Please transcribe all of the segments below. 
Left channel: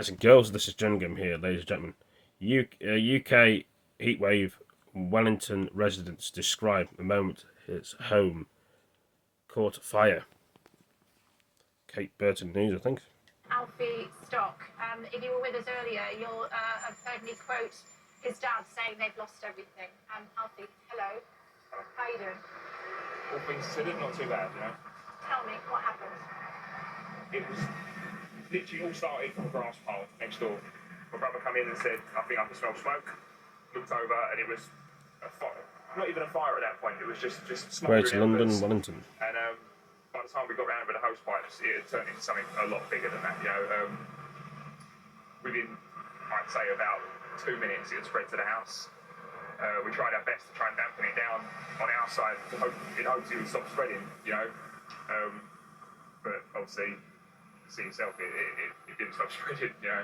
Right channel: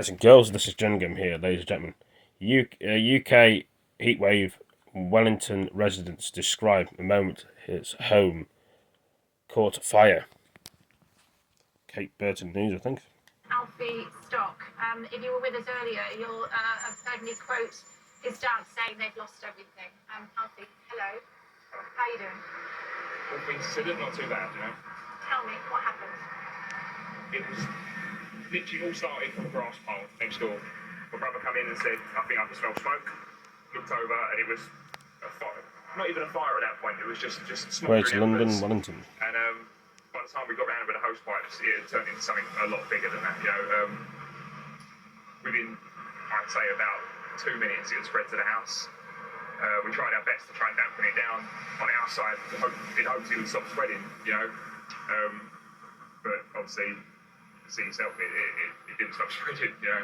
Listen, girls, this is Jerningham here, ladies and gentlemen. UK heatwave Wellington residents describe the moment his home caught fire. Kate Burton News, I think. Alfie Stock, if you were with us earlier, you'll have heard me quote his dad saying they've lost everything. Alfie, hello. How are you doing? All things considered, not too bad, you know. Tell me, what happened? It was literally all started from a grass pile next door. My brother came in and said, I think I can smell smoke. Looked over and it was a fire. Not even a fire at that point, it was just smoke. Greater London, Wellington. And by the time we got round with the hose pipes, it had turned into something a lot bigger than that, you know. Within, I'd say, about 2 minutes, it had spread to the house. We tried our best to try and dampen it down on our side in hopes it would stop spreading, you know. But obviously, see yourself, it didn't stop spreading, you know.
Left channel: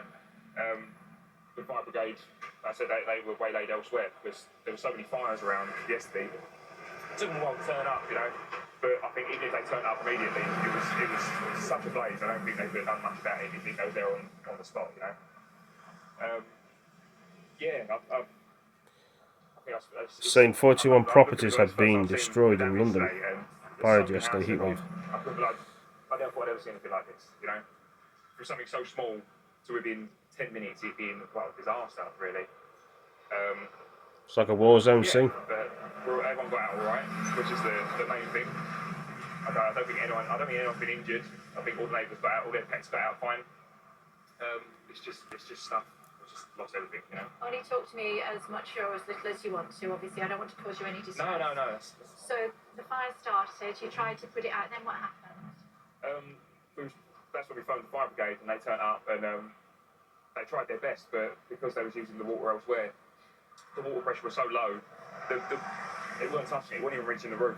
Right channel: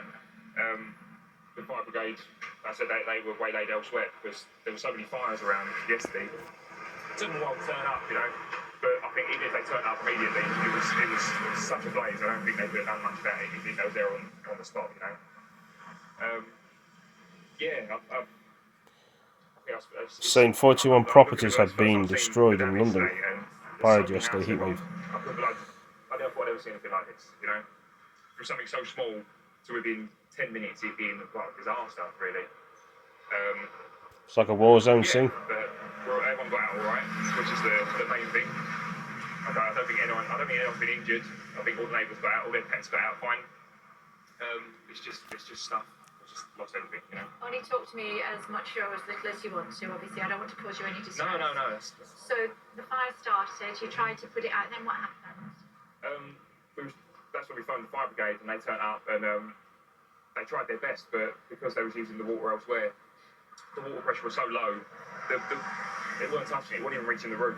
The fire brigade, I said they were waylaid elsewhere because there were so many fires around yesterday. It took them a while to turn up, you know. But I think even if they turned up immediately, it was such a blaze. I don't think they could have done much about it if they was there on the spot, you know. Saying 41 properties have been destroyed in London prior to yesterday's heatwave. I never thought I'd ever seen anything like this, you know. From something so small to within 10 minutes it being like a disaster, really. It's like a war zone scene. But everyone got out all right, which is the main thing. I don't think anyone's been injured. I think all the neighbours got out, all their pets got out fine. It's just stuff. It's just lost everything, you know. Only talk to me as much or as little as you want to. Obviously, I don't want to cause you any distress. No. So the fire started. You tried to put it out. Then what happened? That's when we phoned the fire brigade and they turned up and they tried their best, but because they was using the water elsewhere, the water pressure was so low, it weren't touching it, wasn't even reaching the roof.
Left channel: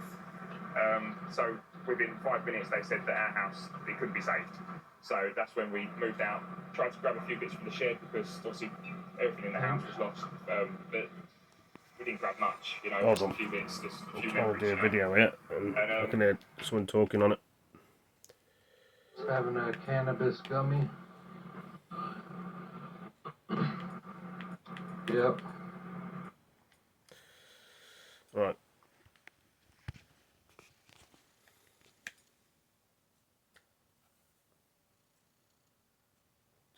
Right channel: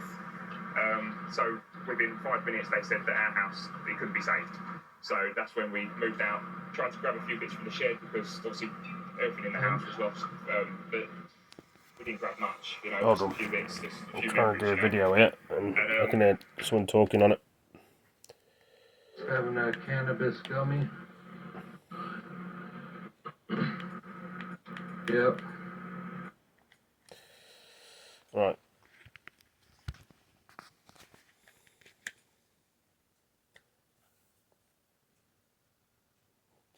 So within 5 minutes they said that our house, it couldn't be saved. So that's when we moved out, tried to grab a few bits from the shed because obviously everything in the house was lost, but we didn't grab much, you know. Hold on. A few bits, just a few I'm trying to do a memories, video here and I can hear someone talking on it. Having a cannabis gummy. Yep. Right.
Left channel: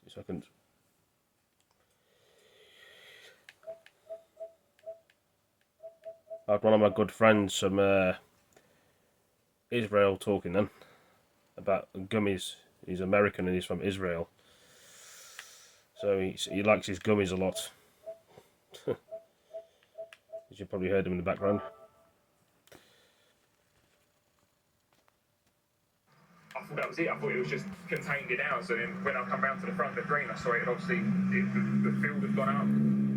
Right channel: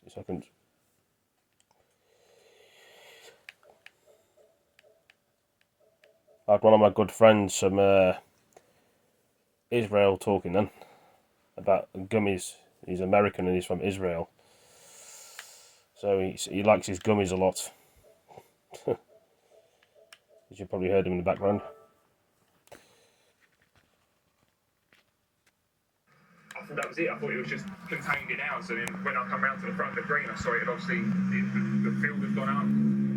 Two seconds. I had one of my good friends from Israel talking then about gummies. He's American and he's from Israel, so he likes his gummies a lot. You probably heard him in the background. I thought that was it. I thought it was just contained in ours. And then when I come round to the front of the green, I saw it, and obviously the field had gone up,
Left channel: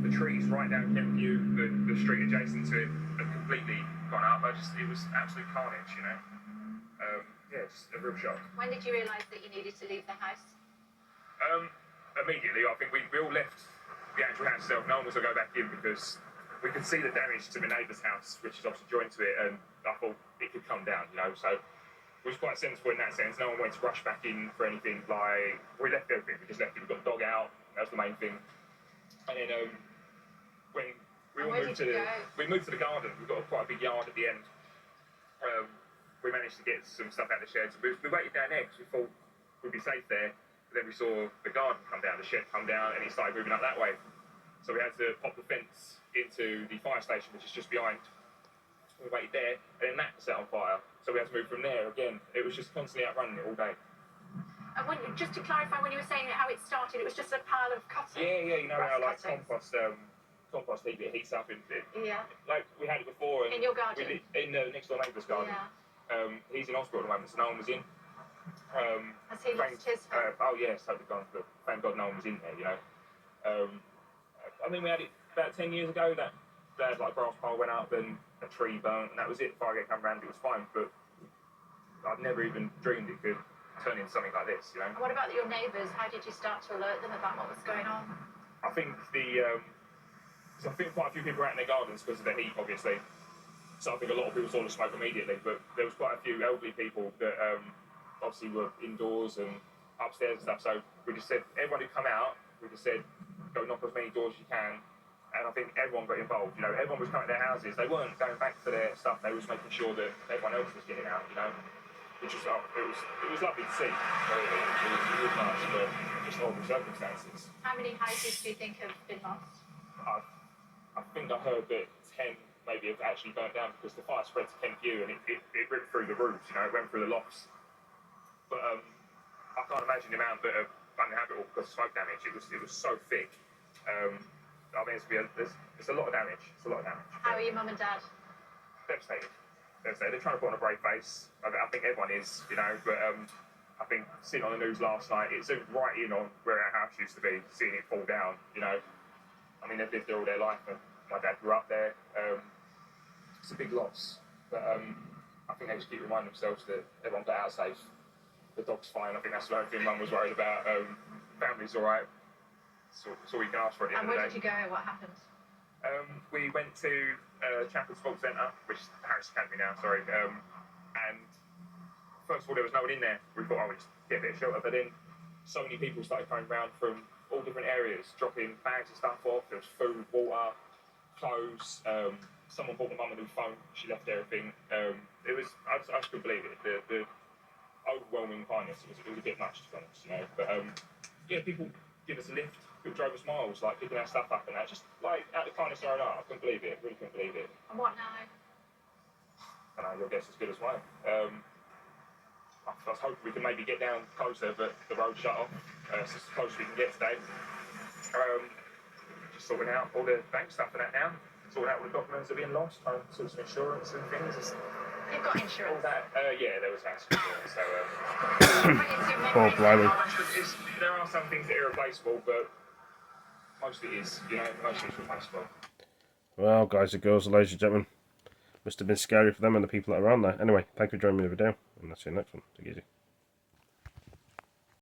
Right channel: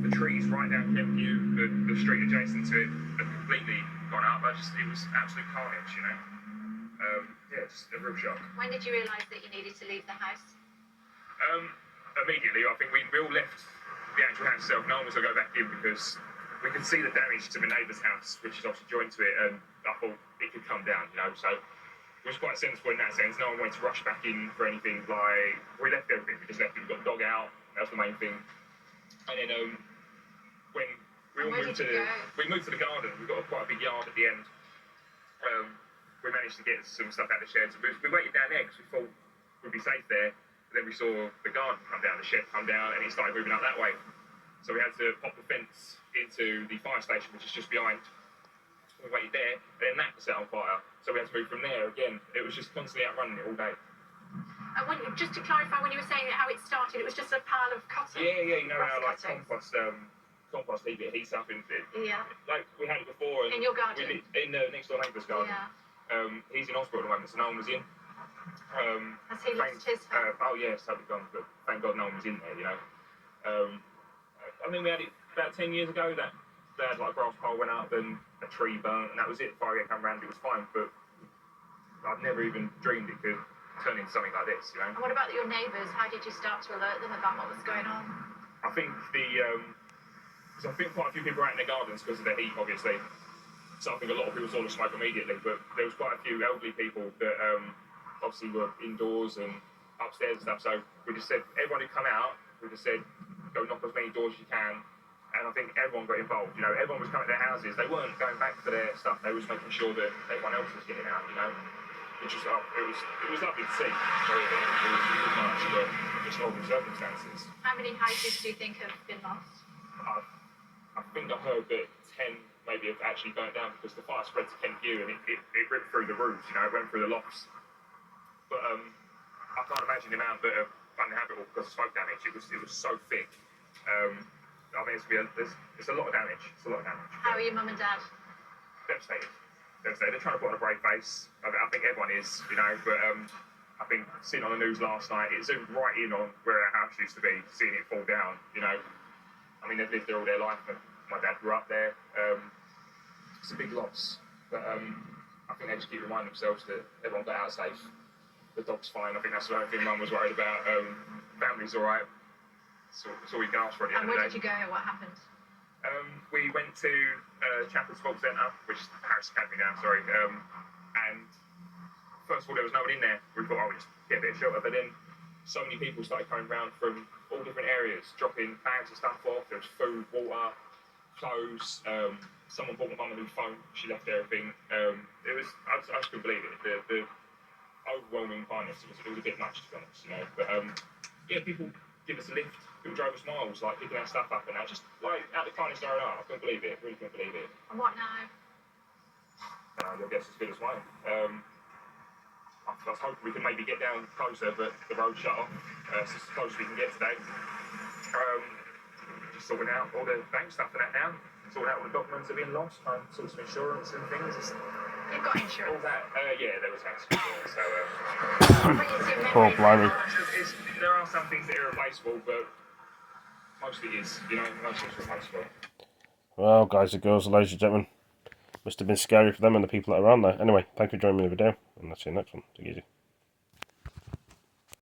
the trees right down Kent View, the street adjacent to it had completely gone up. It was absolute carnage, you know. Yeah, just a real shock. When did you realise that you needed to leave the house? Immediately. I think we all left the actual house itself. No one was going to go back in because we could see the damage to my neighbour's house, which is obviously joined to it, and I thought it could come down, you know. So it was quite sensible in that sense. No one went to rush back in for anything. Like, we left everything. We just left it. We got the dog out. That was the main thing. And then when we moved to the garden, we got quite a big yard at the end. We managed to get some stuff out of the sheds. We waited down there because we thought we'd be safe there. But then we saw the garden come down, the shed come down, and it started moving up that way. So we had to pop the fence into the fire station, which is just behind. We waited there, and then that set on fire. So we had to move from there again. It was just constantly outrunning it all day. And just to clarify, when you were saying how it started, it was just a pile of cutting? Yeah, you know how like compost heats up in it. Yeah. Like we had it before. And in your garden? In the next door neighbour's garden. Yeah. He's in hospital at the moment, so no one was in. Has he lost his home? Oh yeah, it's totally gone, but thank God no one was in there, you know. I mean, we had it about 10 years ago, that like a grass pile went up and a tree burnt, and that was it. Fire came round, it was fine, but I'd never even dreamed it could turn into something like this, you know. And what about your neighbours? How did you start to alert them about what was going on? I think so I think quite a few people were out in their gardens because of the heat, obviously. So I think a lot of people saw the smoke immediately, but there was quite a few elderly people that obviously were indoors, and upstairs and stuff. So we just said, everyone who come out, we just said, go knock as many doors as you can. And I think everyone got involved. You know, everyone was coming to their houses. They weren't going back for their stuff. They was making sure that everyone else was getting out. You know, which was it was lovely to see. Really. It was nice under just horrible circumstances. How many houses do you think have been lost? I think I heard that 10 maybe have actually burnt down because the fire spread to Kent View and it ripped through the roofs, you know, it went through the lofts. But I can't imagine the amount that are uninhabitable because of smoke damage. It was so thick. I think it's a lot of damage. It's a lot of damage. How are your mum and dad? Devastated. Devastated. They're trying to put on a brave face. I think everyone is, you know, but I think seeing on the news last night, it zoomed right in on where our house used to be, seeing it fall down, you know. I mean, they've lived there all their life, and my dad grew up there. It's a big loss, but I think they just keep reminding themselves that everyone got out safe. The dog's fine. I think that's the only thing Mum was worried about. Family's all right. So that's all we can ask for at the And end of where the day. did you go? What happened? We went to Chapel Sports Centre, which is Harris Academy now, sorry. And first of all, there was no one in there. We thought, we'll just get a bit of shelter. But then so many people started coming round from all different areas, dropping bags of stuff off. There was food, water, clothes. Someone bought my mum a new phone. She left everything. I just couldn't believe it. The overwhelming kindness. It was a bit much, to be honest, you know. But yeah, people give us a lift. People drove us miles, like picking our stuff up and that. Just like out of the kindness of their own heart. I couldn't believe it. Really couldn't believe it. And what now? Your guess as good as mine. I was hoping we could maybe get down closer, but the road shut off. It's just as close as we can get today. Just sorting out all the bank stuff and that now. Sorting out all the documents that have been lost, trying to sort some insurance and things. You've got All insurance. that. Yeah, there was accident. So What is your Oh, memory? blimey. there are some things that are irreplaceable, but mostly is. You know, mostly it's replaceable. Well, guys and girls, ladies and gentlemen, must have been scary for them and the people that are around there. Anyway, thank you for joining me in the video, and I'll see you next one. Take it easy.